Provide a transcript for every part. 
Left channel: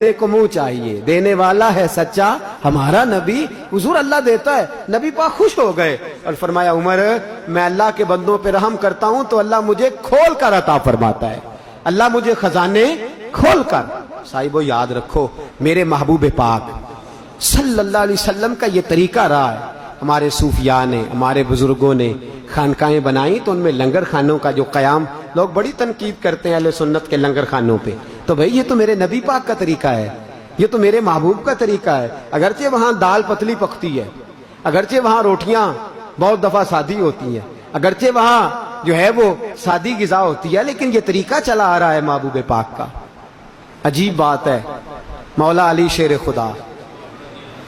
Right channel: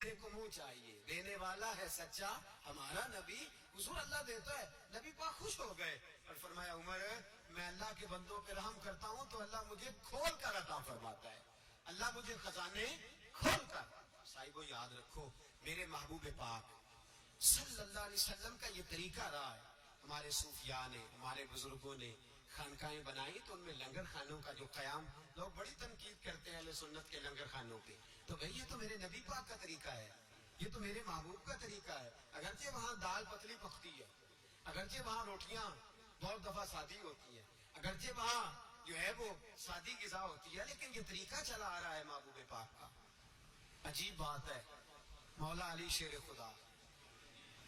کو منہ چاہیے، دینے والا ہے سچا ہمارا نبی۔ حضور اللہ دیتا ہے، نبی پاک خوش ہو گئے اور فرمایا عمر میں اللہ کے بندوں پہ رحم کرتا ہوں تو اللہ مجھے کھول کر عطا فرماتا ہے، اللہ مجھے خزانے کھول کر۔ صاحبو یاد رکھو میرے محبوب پاک صلی اللہ علیہ وسلم کا یہ طریقہ رہا ہے۔ ہمارے صوفیاء نے، ہمارے بزرگوں نے خانقاہیں بنائیں تو ان میں لنگر خانوں کا جو قیام، لوگ بڑی تنقید کرتے ہیں اہل سنت کے لنگر خانوں پہ، تو بھئی یہ تو میرے نبی پاک کا طریقہ ہے، یہ تو میرے محبوب کا طریقہ ہے۔ اگرچہ وہاں دال پتلی پکتی ہے، اگرچہ وہاں روٹیاں بہت دفعہ سادی ہوتی ہیں، اگرچہ وہاں جو ہے وہ سادی غذا ہوتی ہے، لیکن یہ طریقہ چلا آ رہا ہے محبوب پاک کا۔ عجیب بات ہے، مولا علی شیر خدا،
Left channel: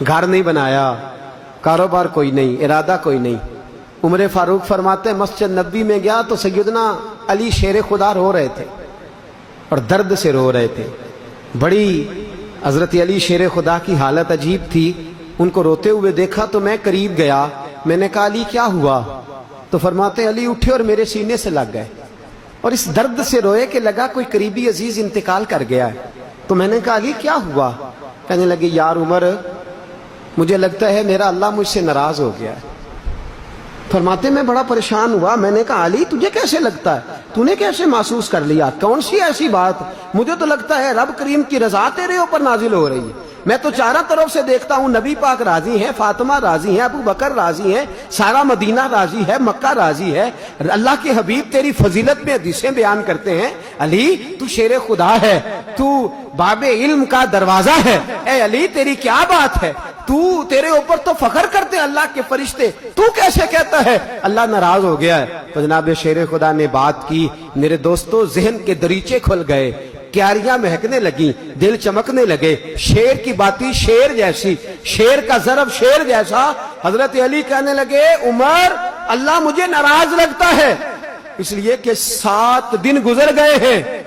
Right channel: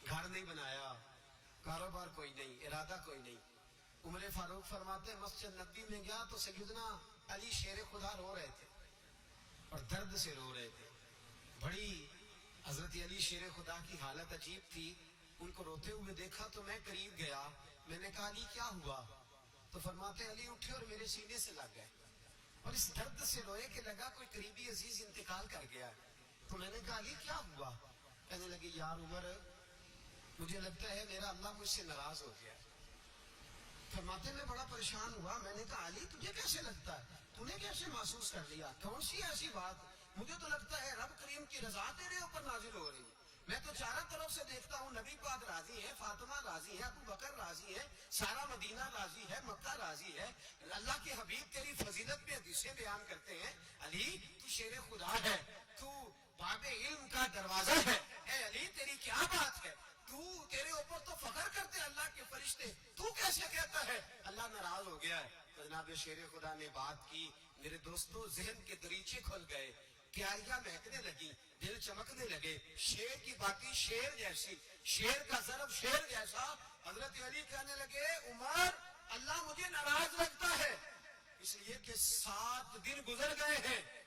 گھر نہیں بنایا، کاروبار کوئی نہیں، ارادہ کوئی نہیں۔ عمر فاروق فرماتے ہیں مسجد نبوی میں گیا تو سیدنا علی شیر خدا رو رہے تھے اور درد سے رو رہے تھے۔ بڑی حضرت علی شیر خدا کی حالت عجیب تھی، ان کو روتے ہوئے دیکھا تو میں قریب گیا، میں نے کہا علی کیا ہوا؟ تو فرماتے ہیں علی اٹھے اور میرے سینے سے لگ گئے اور اس درد سے روئے کہ لگا کوئی قریبی عزیز انتقال کر گیا ہے۔ تو میں نے کہا علی کیا ہوا؟ کہنے لگے یار عمر مجھے لگتا ہے میرا اللہ مجھ سے ناراض ہو گیا ہے۔ فرماتے میں بڑا پریشان ہوا، میں نے کہا علی تجھے کیسے لگتا ہے؟ تو نے کیسے محسوس کر لیا؟ کون سی ایسی بات؟ مجھے تو لگتا ہے رب کریم کی رضا تیرے اوپر نازل ہو رہی ہے، میں تو چاروں طرف سے دیکھتا ہوں نبی پاک راضی ہیں، فاطمہ راضی ہیں، ابو بکر راضی ہیں، سارا مدینہ راضی ہے، مکہ راضی ہے۔ اللہ کے حبیب تیری فضیلت میں حدیثیں بیان کرتے ہیں، علی تو شیر خدا ہے، تو باب علم کا دروازہ ہے، اے علی تیری کیا بات ہے؟ تیرے اوپر تو فخر کرتے ہیں اللہ کے فرشتے، تو کیسے کہتا ہے اللہ ناراض ہو گیا ہے؟ تو جناب شیر خدا نے بات کی، میرے دوستو ذہن کے دریچے کھل گئے، کیاریاں مہکنے لگیں، دل چمکنے لگے، شیر کی باتی شیر جیسی، شیر کا ضرب شیر جیسا۔ حضرت علی کہنے لگے عمر اللہ مجھے ناراض لگتا ہے اس لیے کہ 7 دن گزر گئے ہیں،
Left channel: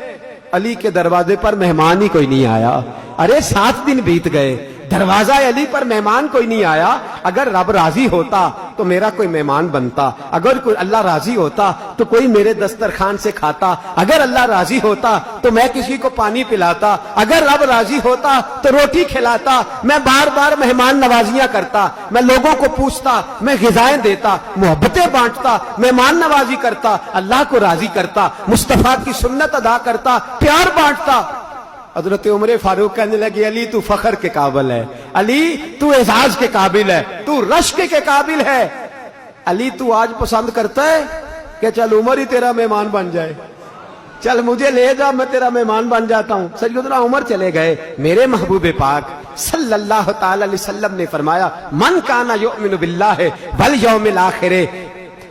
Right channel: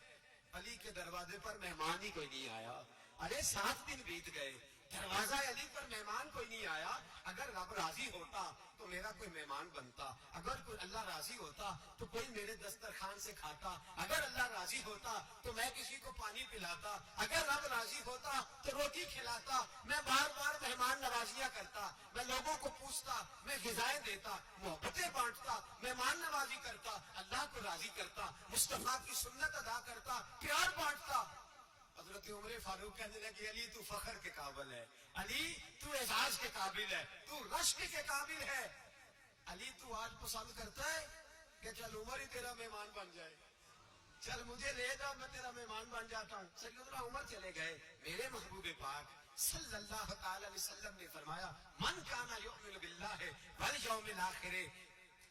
علی کے دروازے پر مہمان ہی کوئی نہیں آیا۔ ارے 7 دن بیت گئے، دروازہ علی پر مہمان کوئی نہیں آیا۔ اگر رب راضی ہوتا تو میرا کوئی مہمان بنتا، اگر کوئی اللہ راضی ہوتا تو کوئی میرے دسترخوان سے کھاتا، اگر اللہ راضی ہوتا تو میں کسی کو پانی پلاتا، اگر رب راضی ہوتا تو روٹی کھلاتا، میں بار بار مہمان نوازیاں کرتا، میں لوگوں کو پوچھتا، میں غذائیں دیتا، محبتیں بانٹتا، مہمان نوازی کرتا، اللہ کو راضی کرتا، مصطفیٰ کی سنت ادا کرتا، پیار بانٹتا۔ حضرت عمر فاروق کہنے لگے علی تو فخر کے قابل ہے، علی تو اعزاز کے قابل ہے، تو رشک کے قابل ہے۔ علی تو آج پسند کرتا ہے کہ چل عمر ہی تیرا مہمان بن جائے، چل مجھے لے جا میں تیرا مہمان بن جاتا ہوں۔ سیدنا عمر چلے گئے۔ میرے محبوب پاک صلی اللہ تعالی علیہ وسلم نے فرمایا من کانا یؤمن باللہ والیوم الآخر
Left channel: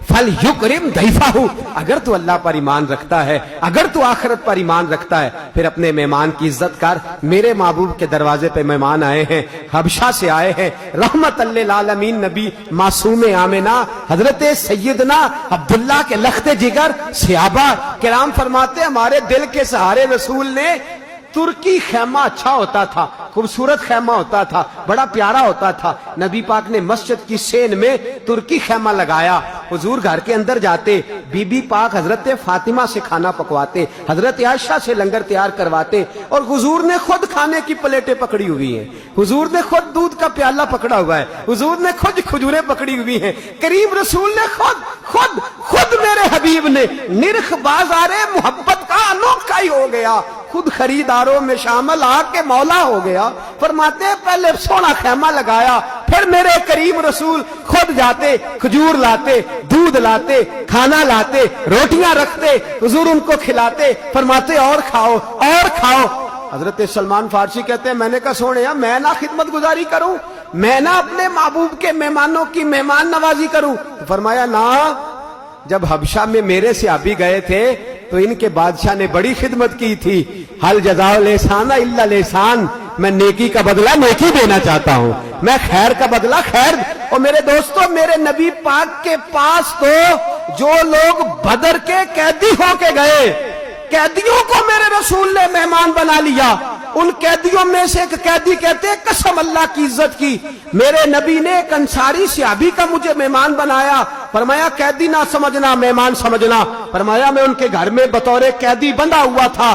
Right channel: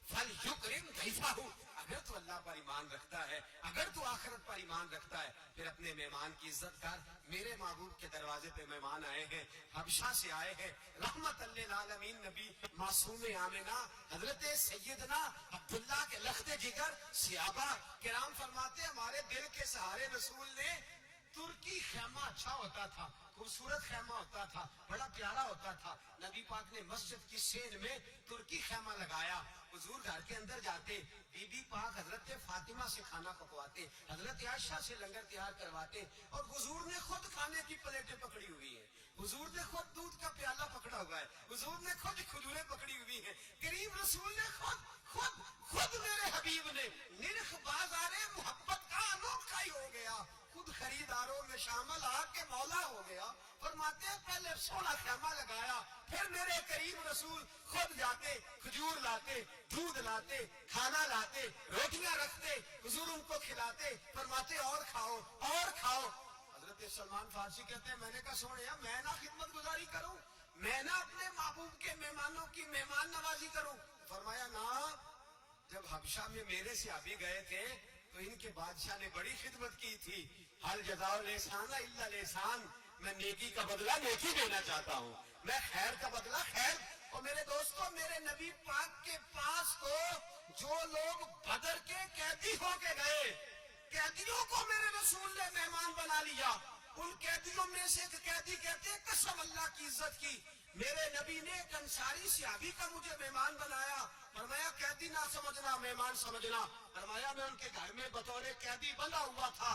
فَلْيُكْرِمْ ضَيْفَهُ، اگر تو اللہ پر ایمان رکھتا ہے، اگر تو آخرت پر ایمان رکھتا ہے، پھر اپنے مہمان کی عزت کر۔ میرے محبوب کے دروازے پہ مہمان آئے ہیں، حبشہ سے آئے ہیں، رحمت للعالمین نبی معصوم آمنہ حضرت سیدنا عبداللہ کے لخت جگر صحابہ کرام فرماتے ہمارے دل کے سہارے رسول نے ترکی خیمہ اچھا ہوتا تھا، خوبصورت خیمہ ہوتا تھا، بڑا پیارا ہوتا تھا۔ نبی پاک نے مسجد کی سین میں ترکی خیمہ لگایا، حضور گھر کے اندر جاتے، بی بی پاک حضرت فاطمہ سے کھانا پکواتے، حضرت عائشہ سے لنگر تیار کرواتے، اور حضور نے خود کھانے کی پلیٹیں پکڑی ہوئی ہیں، حضور نے خود دودھ کا پیالہ پکڑا ہوا ہے، حضور نے خود کھجوریں پکڑی ہوئی ہیں، کریم رسول نے خود میرے حبیب نے نرخ بازار محبت کا انوکھا ہی ہو گیا، خود خریداروں میں شامل آ کے مولا ہو گیا۔ فرماتے ہیں پہلے سونا خیمہ لگایا، پھر میرے کریم رسول خود جاتے، کھجور لاتے، دودھ لاتے، کھانا لاتے، روٹیاں رکھتے، حضور ان کو کھلاتے، فرماتے اور کھاؤ اور کھاؤ۔ حضرت سلمان فارسی کہتے ہیں میں نے کہا سونے میں نہ خدمت گزاری کروں، میں نہ اپنے محبوب کے مہمانوں کی مہمان نوازی کروں؟ فرمایا نہ، جب حبشہ میں میرے صحابی گئے تھے تو ان کے بادشاہ نے بڑی خدمت کی تھی، حل جزاء الاحسان الا الاحسان، میں نیکی کا بدلہ نیکی دینا چاہتا ہوں، میں خیر کا بدلہ خیر۔ اور میرے دوستو میرے نبی پاک کے پاس تو جو لوگ بدر کے قیدی ہو کے گئے، قیدیوں کو میرے رسول نے مہمان بنا لیا۔ ان قیدیوں میں سے ایک قیدی کہتے ہیں قسم اللہ کی عزت کی میرے نبی نے ایک انصاری صحابی کا مجھے مہمان بنایا۔ فرمایا قیدی نہ سمجھنا، مہمان سمجھنا۔ فرمایا میں ان کے گھر میں بطور قیدی بندھا ہوا تھا،